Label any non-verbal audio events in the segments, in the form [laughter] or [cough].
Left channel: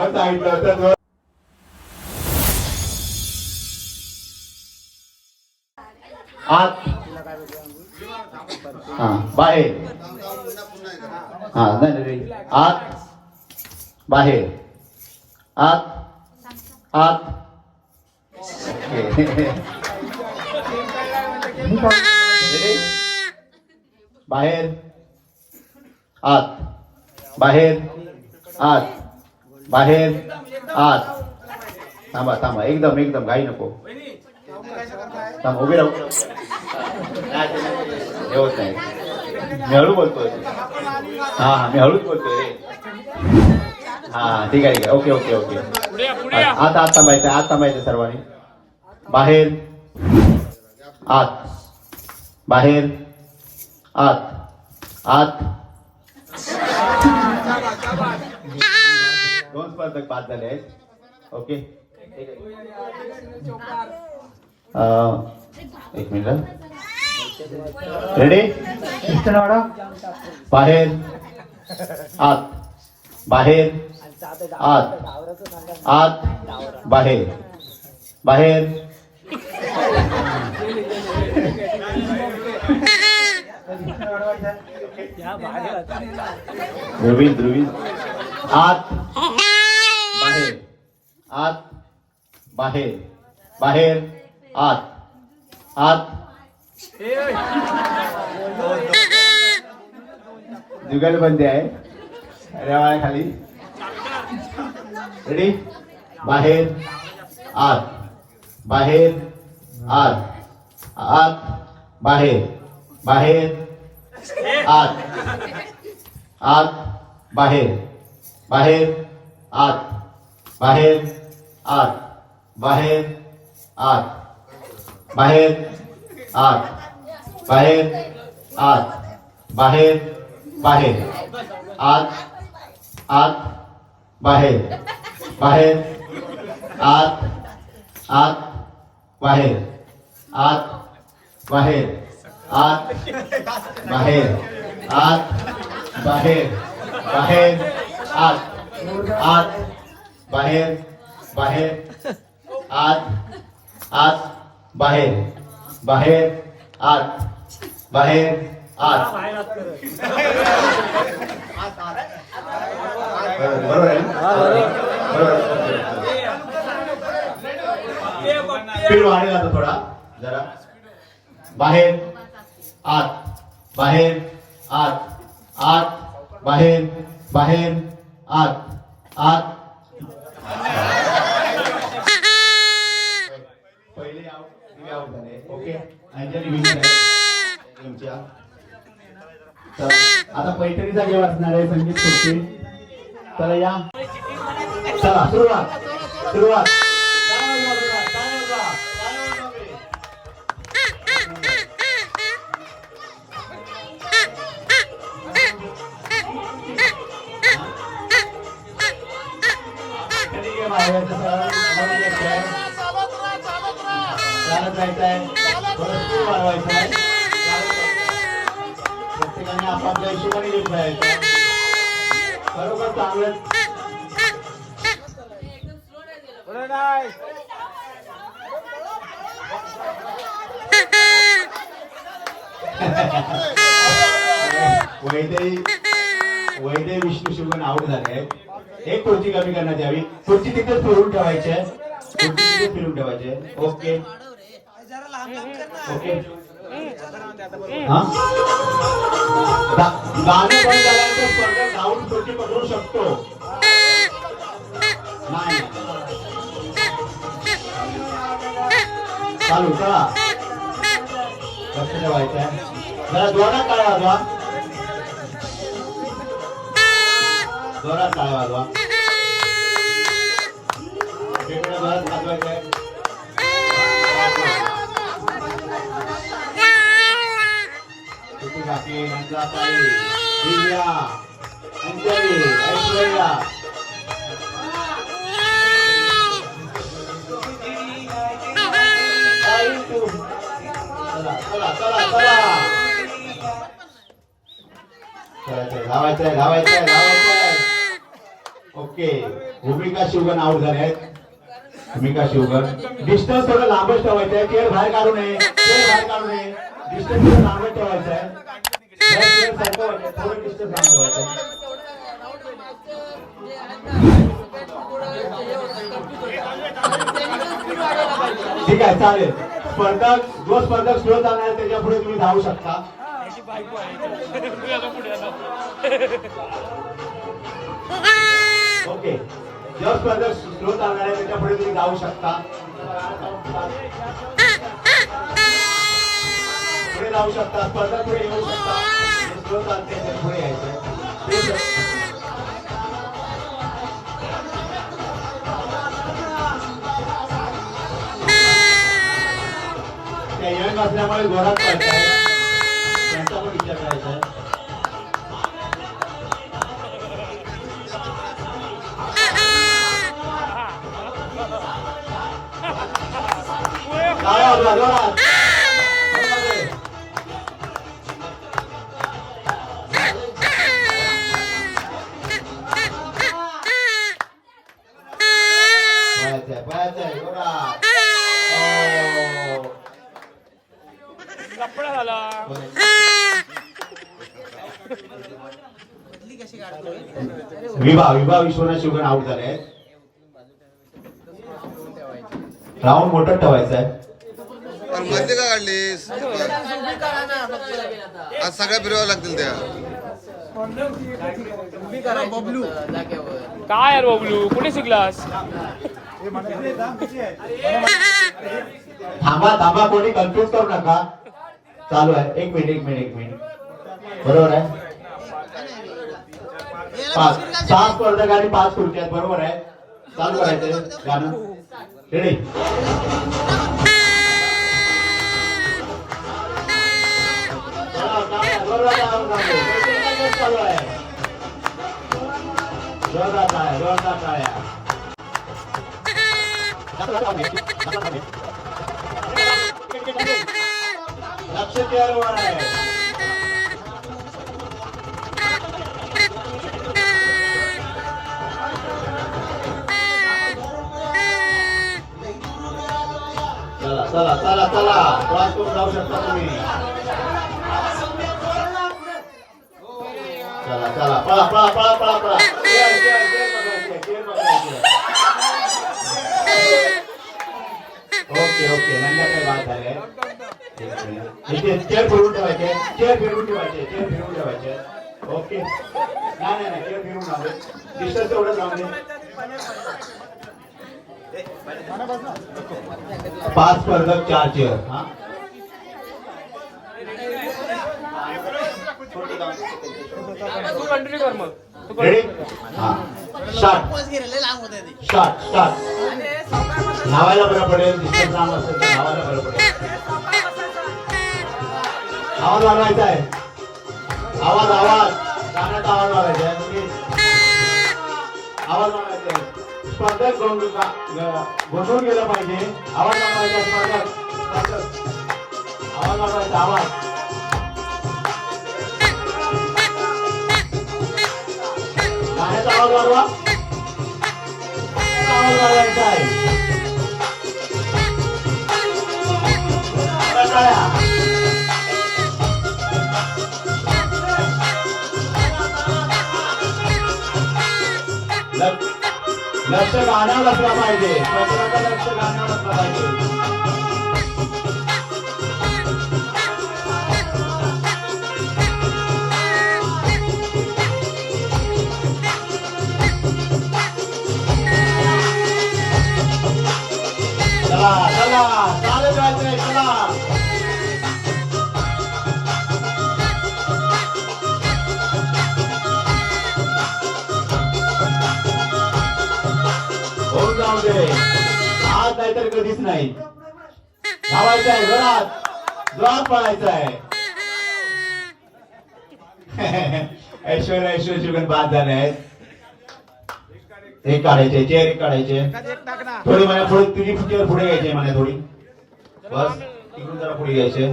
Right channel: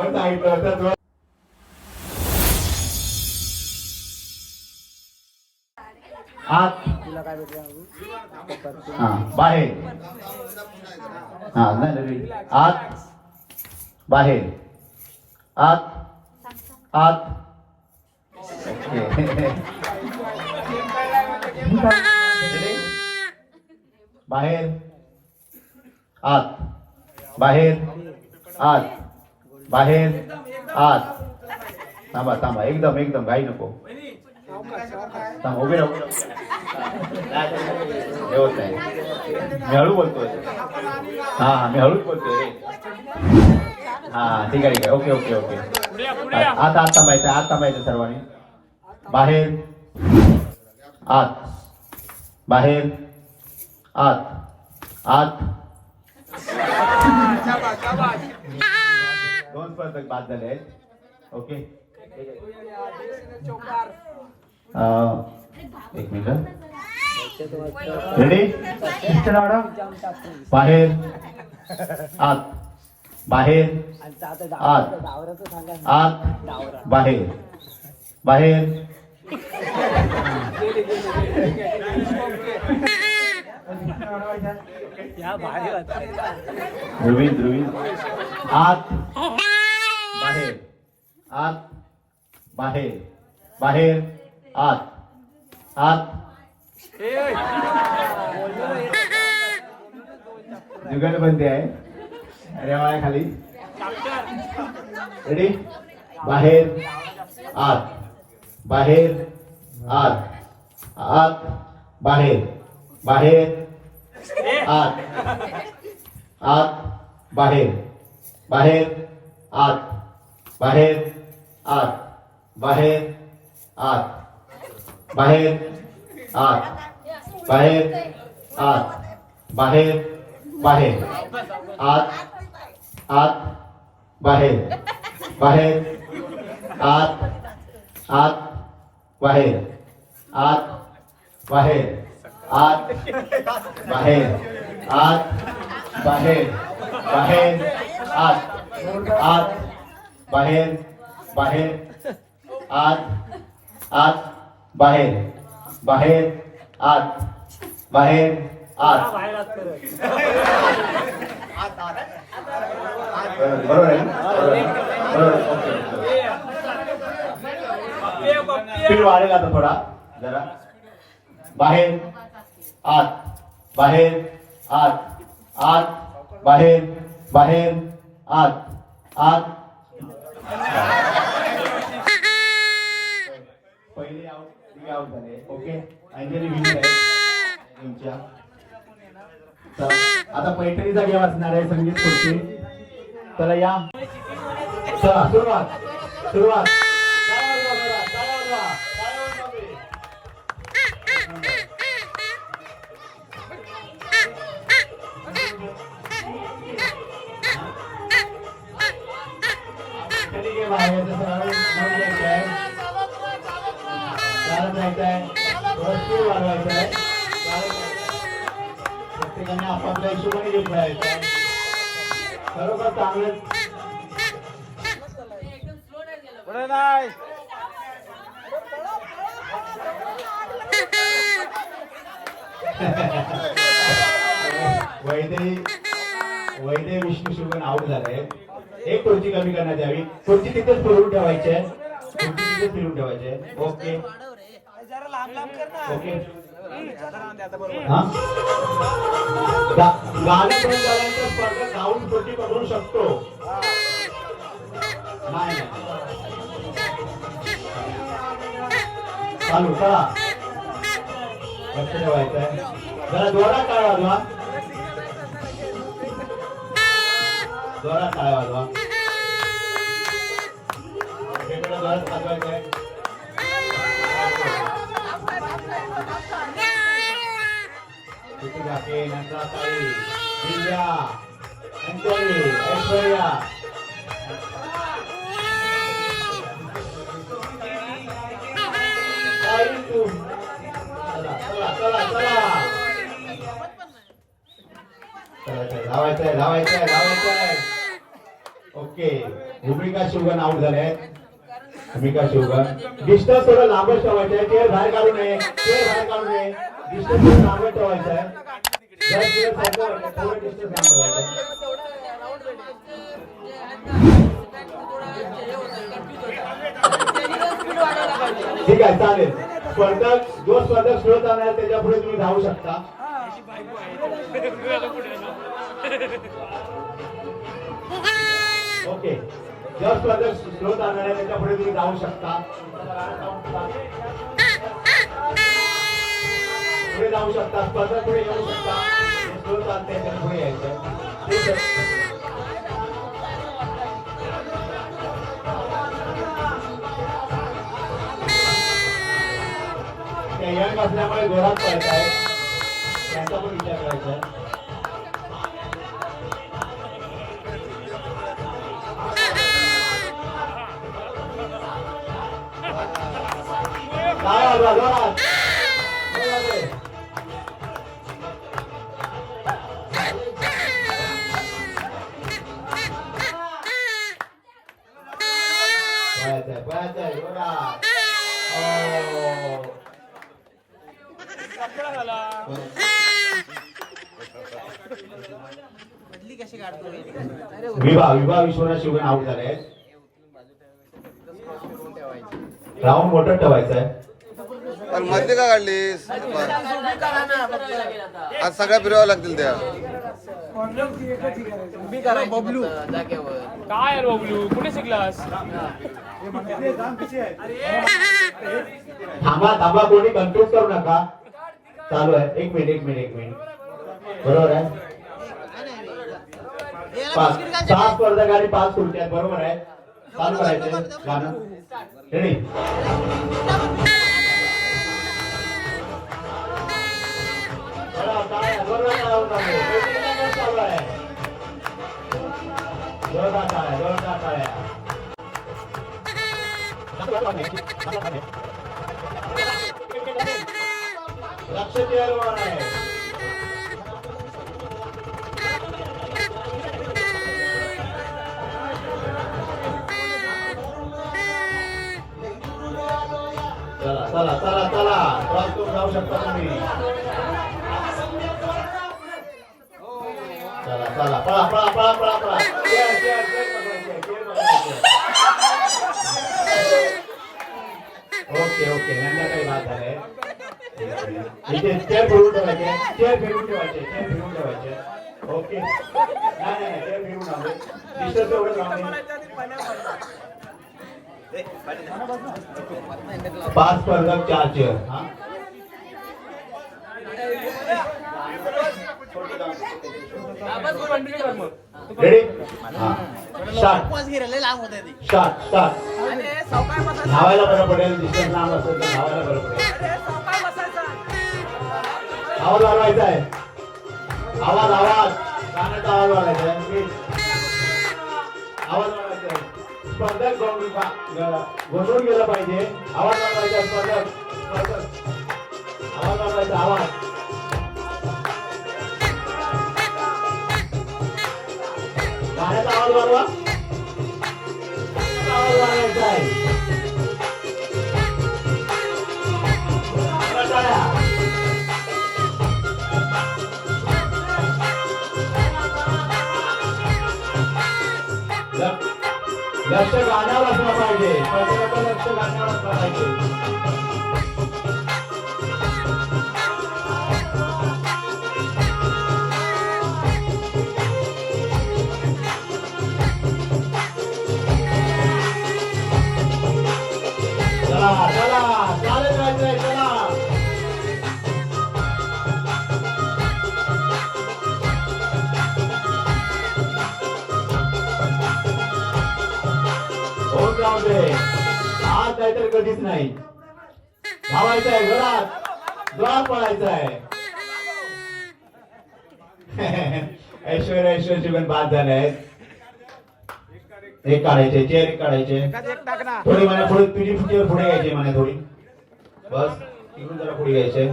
आपण सांगितलं होतं तो- आत हा बाहेर. हा नाही आत. बाहेर. आत. आत. ओके. Ready? बाहेर. आत. बाहेर. आत. बाहेर. आत थांबा थांबा. एकदम एकदम. घाई नको. थांबा उभे राहू. नाही, ते नाही, मी हळू बोलतोय. हा हा मी हळूच बोलतोय. हा ठीक आहे ठीक आहे. Okay okay okay. आता आत थांबायचं आत थांबायचं सर्वांनी. बाहेर. आत. बाहेर. आत. आत. स्पर्धक बाद झाले आहेत. ओके एक मिनिट रेडी बाहेर. आत. बाहेर. आत. आत. बाहेर. बाहेर. [laughs] ध्रुवीन ध्रुवीन. आत बाहेर आत बाहेर. बाहेर. आत. आत. जुगलबंदी आहे. रेवाळ्या खाली. रेडी बाहेर. आत. बाहेर. आत. आत. बाहेर. बाहेर. आत. आत. बाहेर. बाहेर. आत. बाहेर. आत. बाहेर आत. बाहेर आत. बाहेर आत. बाहेर बाहेर. आत आत. बाहेर. बाहेर आत आत. बाहेर आत. बाहेर आत. बाहेर आत. बाहेर बाहेर आत. आत. बाहेर बाहेर. आत आत, बाहेर बाहेर, आत बाहेर, आत. बरोबर आहे आता थोडा, जरा. बाहेर, आत बाहेर, आत आत, बाहेर बाहेर, आत आत. आउट तिघे आउट झाले ओके अंजली विजय आहे तुमच्या तर आता पैठणीचा गेम असणार आहे संगीत खुर्ची चला या चला सुरुवात सुरुवात टाळ्या जायचं आहे थोडं स्पीड वाढवायचं आहे प्रत्येकाने आपापल्या हिशोबाने घेऊन जायचं खरोखर चांगलं वैदे वैदे विष्णू शिवगण आउट झाले एक खुर्ची कमी करण्यात यावी खुर्ची तिथेच फिरून ठेवायची आहे खुर्ची तिथेच फिरून ठेवायची आहे ओके ओके. झाल्यानंतर धावून पकडू शकतो. नाही. चालू चला. लक्ष ठेवायचं आहे जरा जोरात काय वाजवा जोरात काय वाजवा वाजवायचं आहे. जाते नंदाताई दिव्या अंजली ऐश्वर्या ताई तू चला चला चला चला. धावायचंय धावायचंय धावायचंय. ओके भूमिका शिवगण आउट झाले आहेत भूमिका शिवगण डिस्टन्स थोडं लांबच ठेवायचंय. केळ बाहेर काढू नये केळ बाहेर काढू नये. डिस्टन्स थोडं लांबच ठेवायचं आहे ठीक आहे चालेल. स्पर्धक जो स्पर्धक स्लो चालणार आहे त्याच्या पुढे तुम्ही धावू शकता. ओके. जो स्पर्धक स्लो चालणार आहे त्याच्या पुढे तुम्ही धावू शकता. पुढे जाऊ शकता स्पर्धक पुढे येऊ शकता स्लो चालते पुढे यायचं त्या यंग असल्यामुळे जोरात पळताय त्यांचा पण विचार करायचा आहे. काय जोरात. विभा विभा विश्वनाथ शिवगण आउट झाले आहेत. राऊंड मोठं ठेवायचं आहे. पण मध्ये का काढलीस आज सगळ्या फिरवावं लागतील त्या. काय यार बबलू? कुठे शिकलास? थांबा थांबा कोणी कन्फ्युज करू नका. चालू आहे. एक मिनिट एक मिनिट एक मिनिट बरोबर आहे? पाच सहा स्पर्धक आणि पाच खुर्च्या बरोबर आहे. चालू करायचंय गाणं. रेडी लक्ष चला चला चला क्रॉस जाऊ शकता तुम्ही चला चला पळा पळा पळा पळा पळा ओके ओके नंतर बाद झाले इथे चेअर फिरवून ठेवायचे चेअर फिरवून ठेवायचे चेअर फिरवून ठेवायचे ओके नाही नाही नाही चेअर फिरवून राहू दे डिस्टन्स तेवढं दे पाच स्पर्धक चार चेअर हा? रेडी हा. स्टार्ट स्टार्ट स्टार्ट धावायला बरं पडेल डिस्टन्स लांब असेल तर धावायला बरं पडेल. आवाज वाढवायचा आहे. आवाज आवाज. गाण्याचा आवाज वाढवायचा आहे. आवाज वाढवायचा स्पर्धक गोंग- ग- गोंधळून गेलं पाहिजे. आवाज वाढवायचा आहे, स्पर्धक स्पर्धक. आवाज वाढवायचा आवाज. गाण्याचा आवाज वाढवा. आवाज वाढवायचा आहे. टाळ्या. लक्ष गाण्यावर असलं पाहिजे. प्रत्येकाचं लक्ष गाण्यावर असलं पाहिजे. दे आज नाहीतर कधीच नाही. धावायचं आहे जोरात जोरात पळायचं आहे ऐश्वर्या ऐश्वर्या शिवगण बाद झाले आहेत एक काढायचे चेअर एक काढायचे. थोडी मला पुढे तुझी चेअर पुढे घ्यायची मला थोडी. बस तिकडून जरा पुढे घ्यायचे.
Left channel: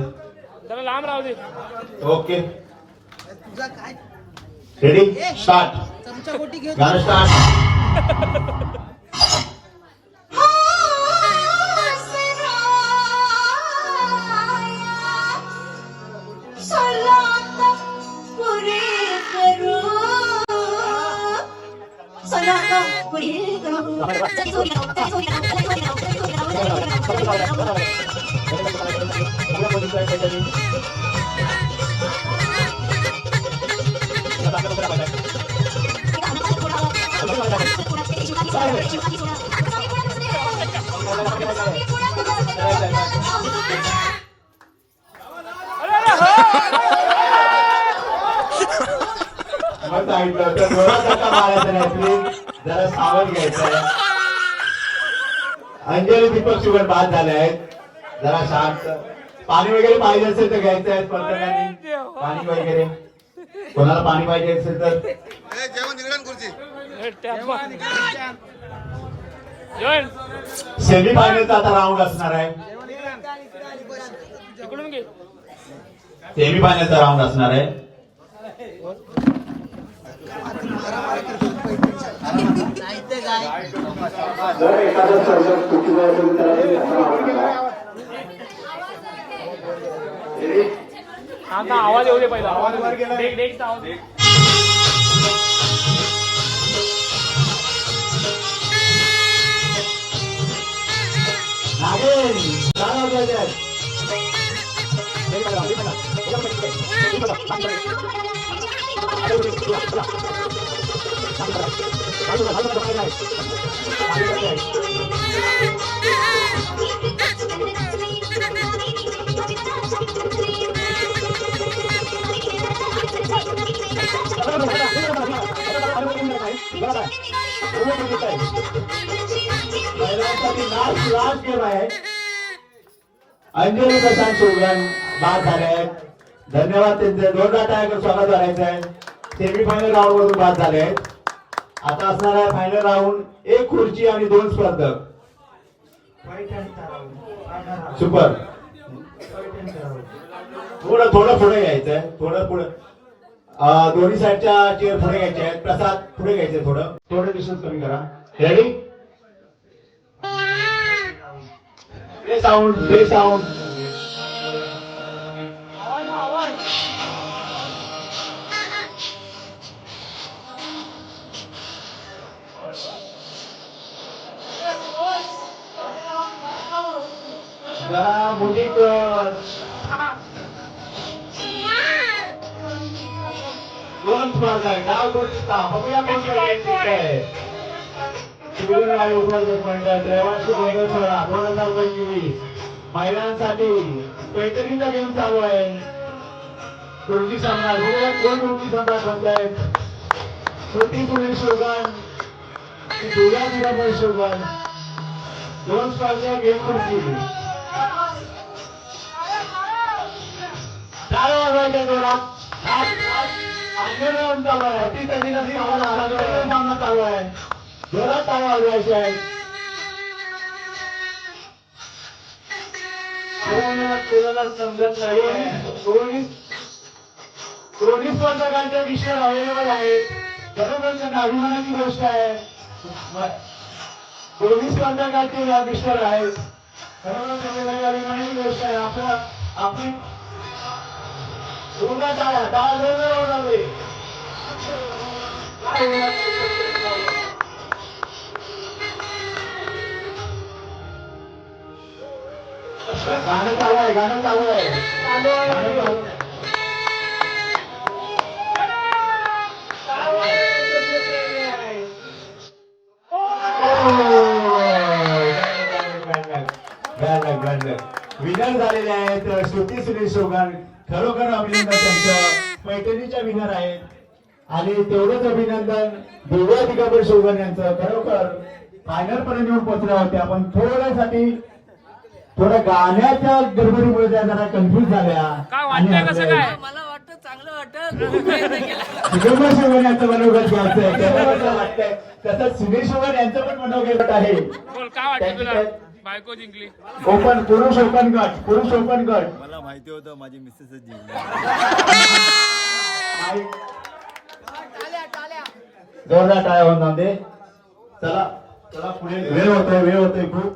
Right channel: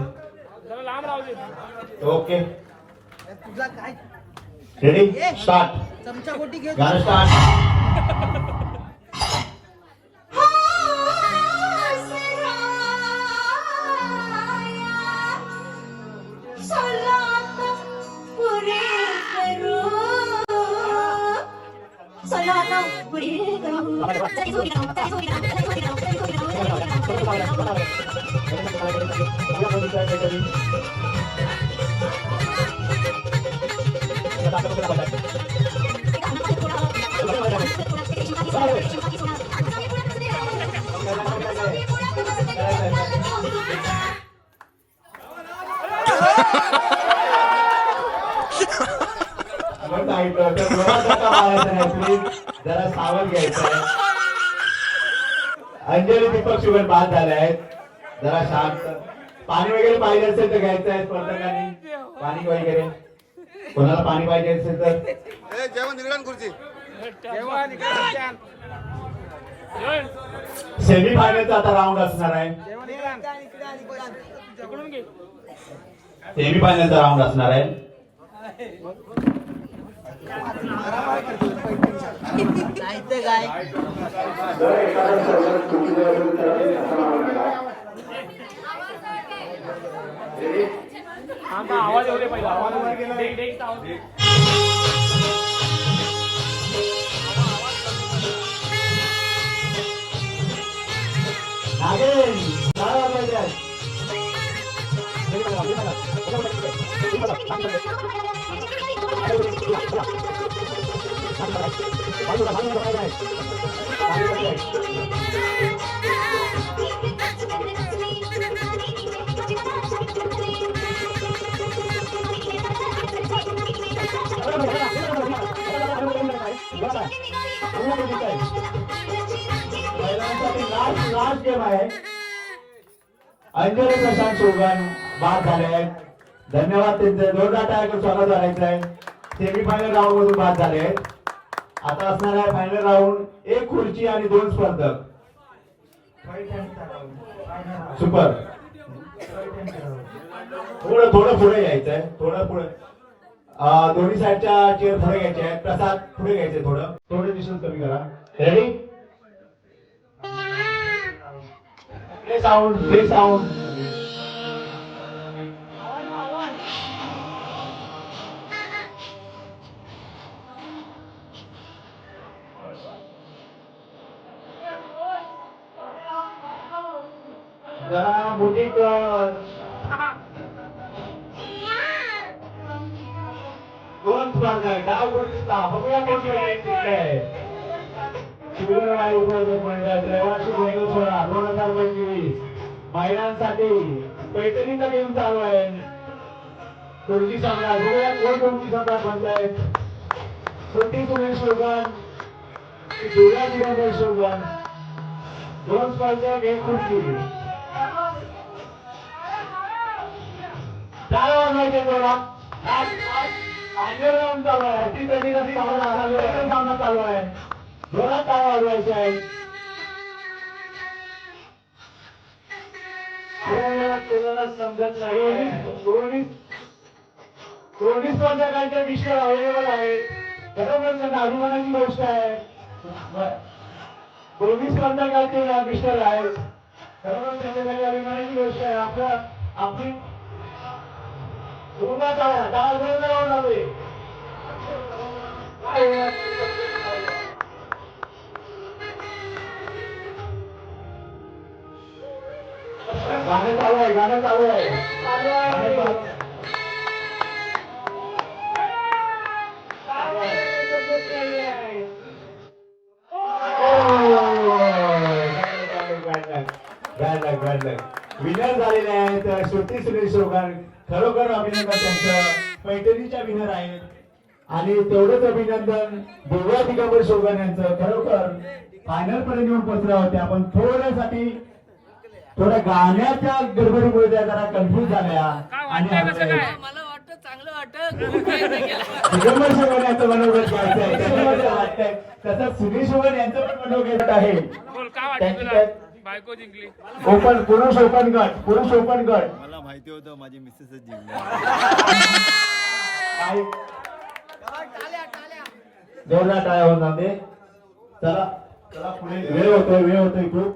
ओके. रेडी स्टार्ट गाणं स्टार्ट जरा सावध घ्यायचं अंजली दीपक शुगर बाद झाले आहेत. जरा शांत. पाणी वगैरे पाहिजे असेल तर घ्यायचं आहे स्पर्धकांनी पाणी वगैरे. कोणाला पाणी पाहिजे असेल तर. सेमी फायनलचा आता राऊंड असणार आहे. सेमी फायनलचा राऊंड असणार आहे. [laughs] जर एखादा स्पर्धक चुकीचं असेल तर ते असं मागून घ्या. हा ना आवाज येऊ दे पहिला आवाज येऊ लास्ट गेम आहे. अंजली प्रशांत शिवगण बाद झाले आहेत. धन्यवाद त्यांचे. जोरदार टाळ्या स्वागत करायचं आहे. सेमीफायनल राऊंड मधून बाद झाले आहेत. आता असणार आहे फायनल राऊंड एक खुर्ची आणि दोन स्पर्धक. सुपर थोडं थोडं पुढे घ्यायचंय थोडं पुढे. दोन्ही साईडच्या चेअर पुढे घ्यायचे आहेत. प्रसाद पुढे घ्यायचे थोडं. थोडं डिस्टन्स कमी करा. Ready play sound play sound जरा मोठी कर. दोन स्पर्धक डाव कोणता बघूया कोण जिंकतंय. शिबिर आयोजक मंडळ रहिवासी गोंधळसोळा दोन हजार पंचवीस महिलांसाठी पैठणीचा गेम चालू आहे दोन्ही सम्राट कोण दोन्ही सम्राट बनतायत श्रुती सुनील शिवगण दुर्गा दुर्गा शिवगण दोन स्पर्धक एक खुर्ची चार वाजवायचे जोरात आंदोलन चालू आहे ती कधी कधी सामना चालू आहे जोरात आवाज वाजवायचे आहे कोणाला समजत नाही दोन्ही दोन्ही स्पर्धकांचे विषय अवेलेबल आहे खरोखर त्यांना गोष्ट आहे दोन्ही खरोखर अभिमानाची गोष्ट आहे आपलं आपली दोघा टाळ्या टाळ जोरदार गाणं चालू आहे गाणं चालू आहे. विनर झालेले आहेत श्रुती सुनील शोगन खरोखर अभिनंदन त्यांचं. पैठणीच्या विनर आहेत. आणि तेवढंच अभिनंदन दोघा दिगंबर शोगन यांचं. खरोखर फायनल पर्यंत येऊन पोहोचले होते. आपण थोड्यासाठी थोड्या गाण्याच्या गडबडीमुळे त्या जरा कन्फ्युज झाल्या. काय आणि वाटतंय कसं काय? मला वाटतं चांगलं वाटतं वाटतंय तसंच सुनील शोगन यांचं पण मनोगत आहे. काय वाटतं तुला? बायको जिंकली. ओपन पुरुष ओपन गट पुरुष ओपन गट मला माहिती होतं माझी मिसेसच जिंकणार आणि जोरदार टाळ्या होऊन दे. चला चला पुढे. वेळ होतोय वेळ होतोय खूप.